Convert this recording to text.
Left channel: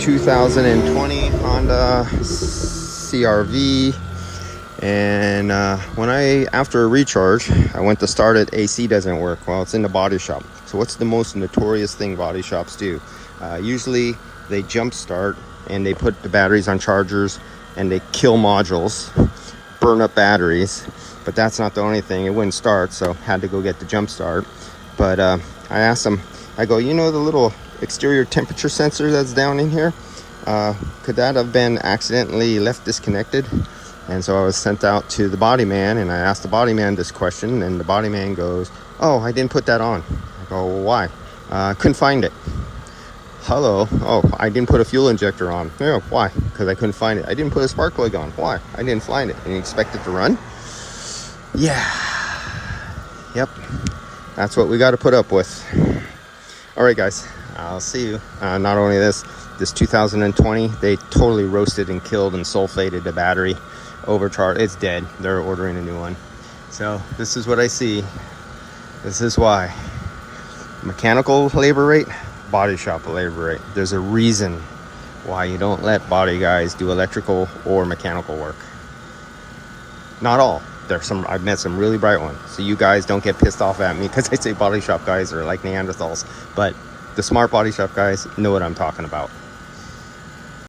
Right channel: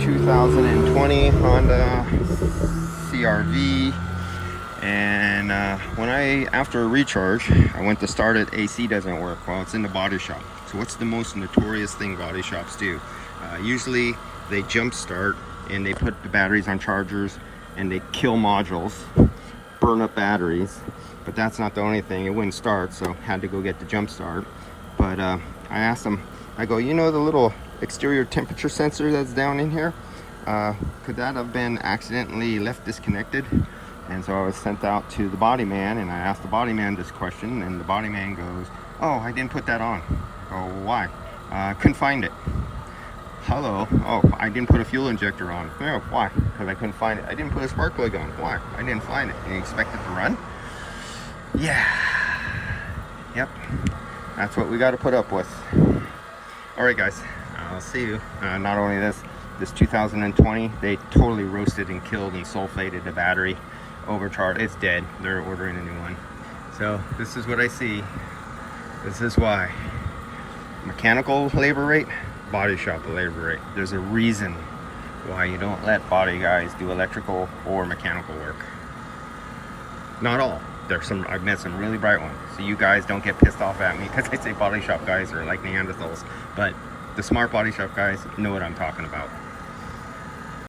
2020 Honda CRV, and after a recharge, I went to start it. AC doesn't work. Well, it's in the body shop. So what's the most notorious thing body shops do? Usually they jump start and they put the batteries on chargers and they kill modules, burn up batteries. But that's not the only thing. It wouldn't start, so had to go get the jump start. But I asked them, I go, you know the little exterior temperature sensor that's down in here? Could that have been accidentally left disconnected? And so I was sent out to the body man, and I asked the body man this question, and the body man goes, oh, I didn't put that on. I go, well, why? Couldn't find it. Hello. Oh, I didn't put a fuel injector on. Yeah, why? Because I couldn't find it. I didn't put a spark plug on. Why? I didn't find it. And you expect it to run? Yeah. Yep. That's what we got to put up with. All right, guys. I'll see you. Not only this 2020, they totally roasted and killed and sulfated the battery. Overcharged. It's dead. They're ordering a new one. So this is what I see. This is why. Mechanical labor rate, body shop labor rate. There's a reason why you don't let body guys do electrical or mechanical work. Not all. I've met some really bright ones. So you guys don't get pissed off at me because I say body shop guys are like Neanderthals. But the smart body shop guys know what I'm talking about.